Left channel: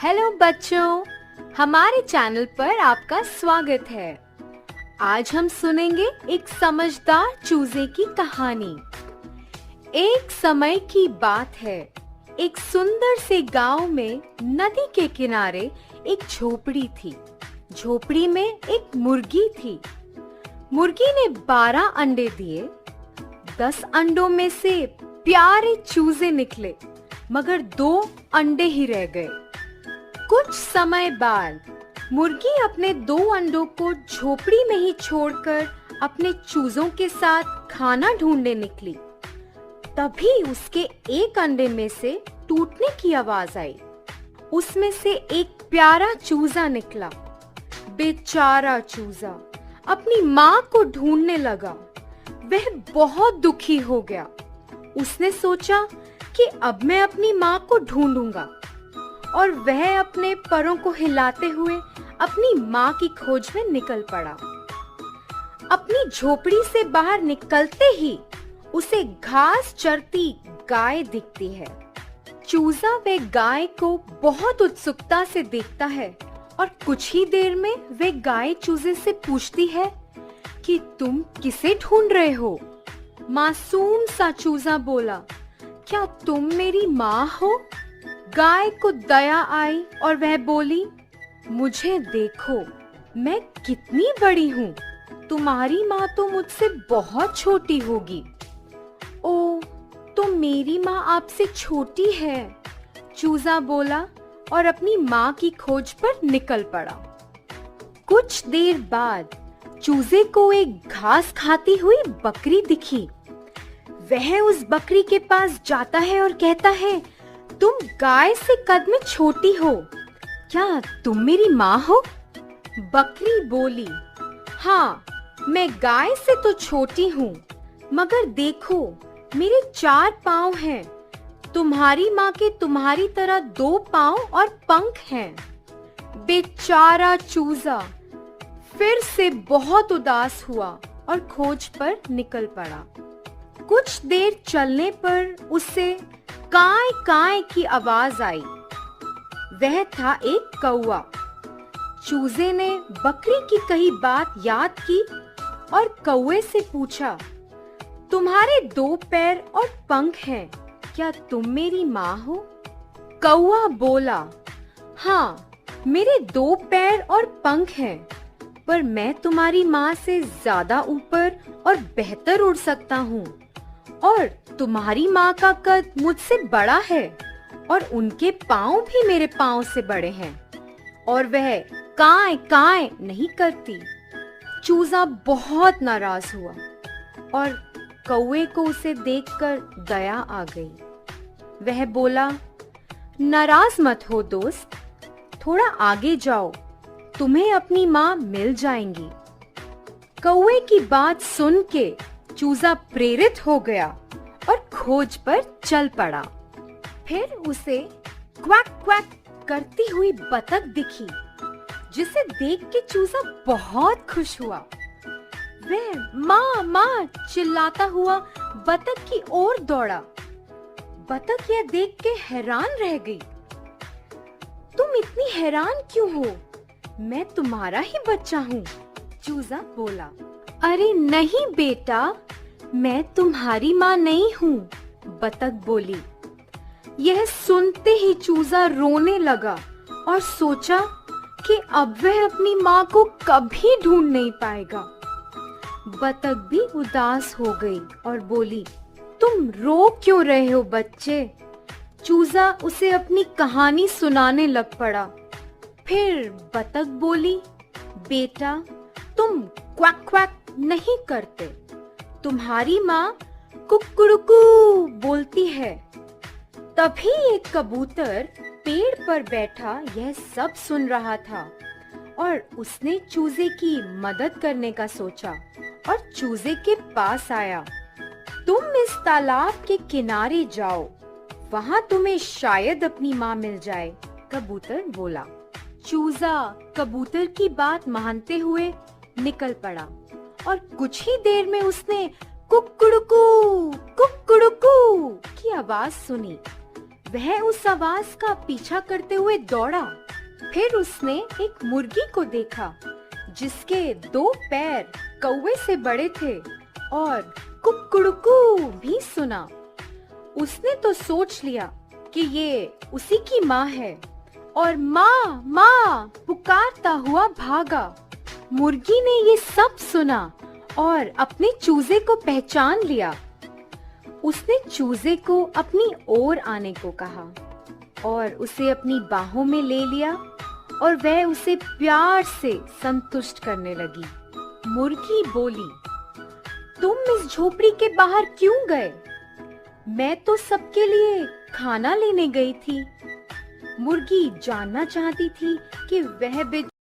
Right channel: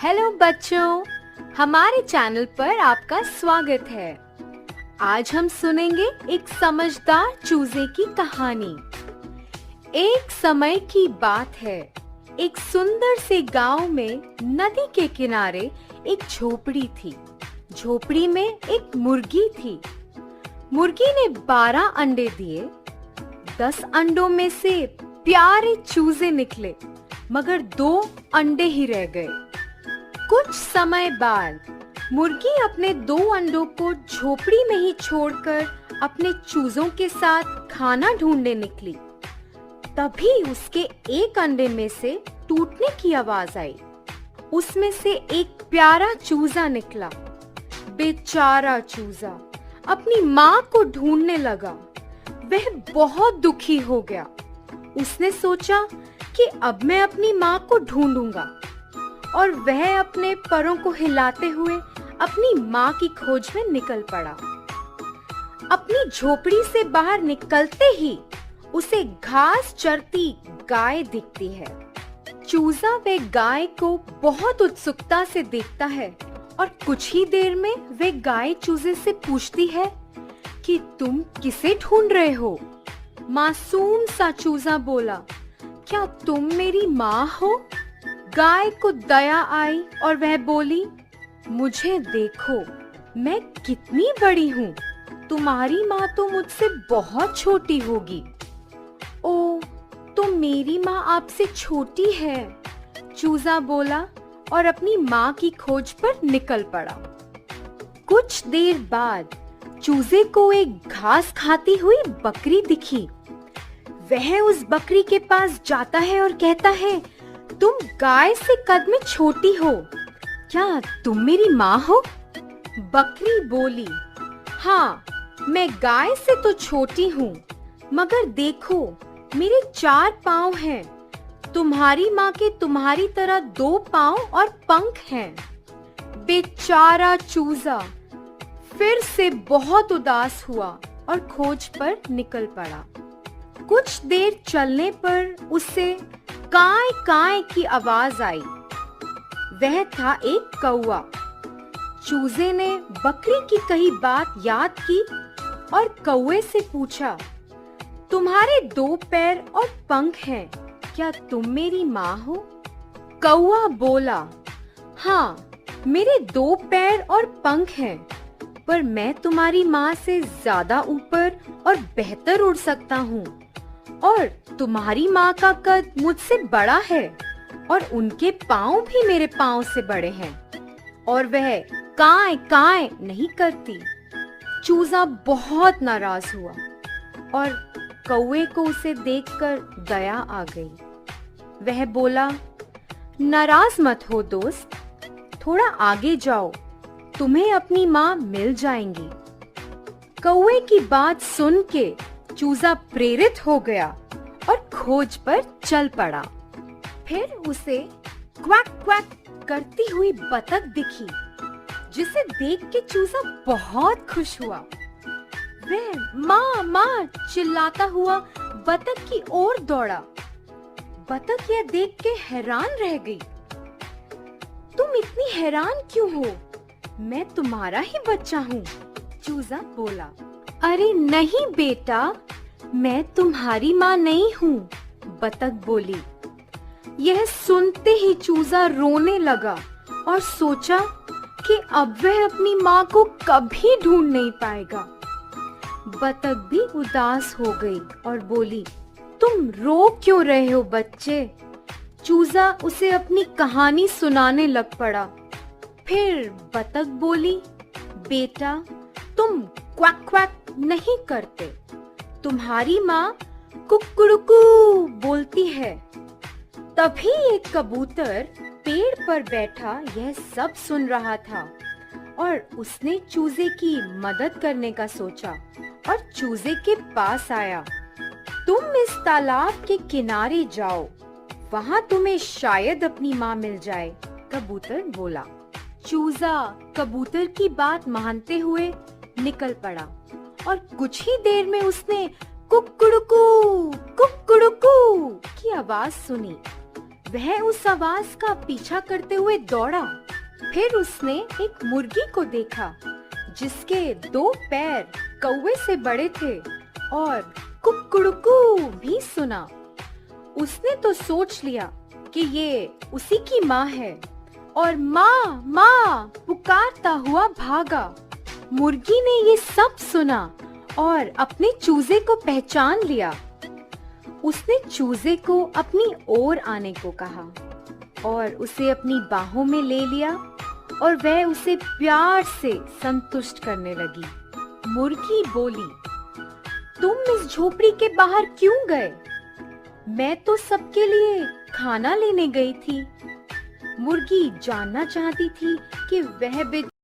Hello बच्चों, हमारे channel पर आपका स्वागत है। आज हम सुनेंगे एक समझदार चूजे की कहानी। एक समय की बात है, एक सुंदर से गांव में नदी के किनारे एक झोपड़ी थी। झोपड़ी में एक मुर्गी थी। मुर्गी ने 12 अंडे दिए। 10 अंडों में से प्यारे चूजे निकले, मगर 2 अंडे ही रह गए। कुछ समय बाद मुर्गी अपने 2 अंडों को झोपड़ी में ही छोड़कर अपने चूजों के साथ खाना ढूंढने निकली। तभी उसके एक अंडे में से टूटने की आवाज आई। उसमें से एक प्यारा चूजा निकला। बेचारा चूजा अपनी माँ को ढूंढने लगा। वह बहुत दुखी हो गया। उसने सोचा कि अब मैं अपनी माँ को ढूंढूंगा, और वह अपने परों को हिलाते हुए अपनी माँ की खोज में निकल पड़ा। अपनी झोपड़ी से बाहर निकलते ही उसे घास चरती गाय दिखती है। चूजा वे गाय को बहुत उत्सुकता से देखता है और कुछ ही देर में वे गाय चूजे से पूछती है कि तुम किसे ढूंढ रहे हो? मासूम सा चूजा बोला, क्या तुम मेरी माँ हो? गाय को दया आई और वह बोली, मुझे देखो, मैं कितनी बड़ी हूँ। तुम्हारी माँ तो मुझसे बहुत छोटी होगी। ओ, तो मेरी माँ आपसे छोटी है, चूजा बोला और अपनी माँ की खोज पर निकल पड़ा। कुछ देर बाद चूजे को एक घास खाती हुई बकरी दिखी। वह उस बकरी के पास जाता है और कहता है, तुम गाय से कद में छोटी हो, क्या तुम मेरी माँ हो? बकरी बोली, हाँ, मैं गाय से तो छोटी हूँ, मगर देखो, मेरे 4 पाँव हैं। तुम्हारी माँ के तुम्हारी तरह 2 पाँव और पंख हैं। बेचारा चूजा फिर से बहुत उदास हुआ और खोज पर निकल पड़ा। कुछ देर चलने पर उसे काय काय की आवाज आई। वह था एक कौवा। चूजे ने बकरी की कही बात याद की और कौवे से पूछा, तुम्हारे 2 पैर और पंख हैं, क्या तुम मेरी माँ हो? कौवा बोला, हाँ, मेरे 2 पैर और पंख हैं, पर मैं तुम्हारी माँ से ज्यादा ऊपर और बेहतर उड़ सकता हूँ, और तुम्हारी माँ का कद मुझसे बड़ा है और उनके पाँव भी मेरे पाँव से बड़े हैं, और वह काय काय नहीं करती। चूजा बहुत नाराज हुआ और कौवे को उसे देखकर दया आ गई। वह बोला, नाराज मत हो दोस्त, थोड़ा आगे जाओ, तुम्हें अपनी माँ मिल जाएंगी। कौवे की बात सुन के चूजा प्रेरित हो गया और खोज पर चल पड़ा। फिर उसे क्वाक क्वाक करती हुई बतख दिखी, जिसे देख के चूजा बहुत खुश हुआ। वह माँ माँ चिल्लाता हुआ बतख की ओर दौड़ा। बतख ये देख के हैरान रह गई। तुम इतनी हैरान क्यों हो? मैं तुम्हारा ही बच्चा हूँ, चूजा बोला। अरे नहीं बेटा, मैं तुम्हारी माँ नहीं हूँ, बतख बोली। यह सुनते ही चूजा रोने लगा और सोचा कि अब वह अपनी माँ को कभी ढूंढ नहीं पाएगा। बतख भी उदास हो गई और बोली, तुम रो क्यों रहे हो बच्चे? चूजा उसे अपनी कहानी सुनाने लग पड़ा। फिर बतख बोली, बेटा, तुम क्वाक क्वाक नहीं करते, तुम्हारी माँ कुक्कुड़ुकू बोलती है। तभी एक कबूतर पेड़ पर बैठा यह सब सुन रहा था और उसने चूजे की मदद करने का सोचा और चूजे के पास आया। तुम इस तालाब के किनारे जाओ, वहाँ तुम्हें शायद अपनी माँ मिल जाए, कबूतर बोला। चूजा कबूतर की बात मानते हुए निकल पड़ा और कुछ ही देर में उसने कुक्कुड़ुकू कुक्कुड़ुकू की आवाज सुनी। वह उस आवाज का पीछा करते हुए दौड़ा। फिर उसने एक मुर्गी को देखा जिसके 2 पैर कौवे से बड़े थे और कुकड़ुकू भी सुना। उसने तो सोच लिया कि ये उसी की माँ है और माँ माँ पुकारता हुआ भागा। मुर्गी ने ये सब सुना और अपने चूजे को पहचान लिया। उसने चूजे को अपनी ओर आने को कहा और उसे अपनी बाहों में ले लिया और वह उसे प्यार से संतुष्ट करने लगी। मुर्गी बोली, तुम इस झोपड़ी के बाहर क्यों गए? मैं तो सबके लिए खाना लेने गई थी। मुर्गी जानना चाहती थी कि वह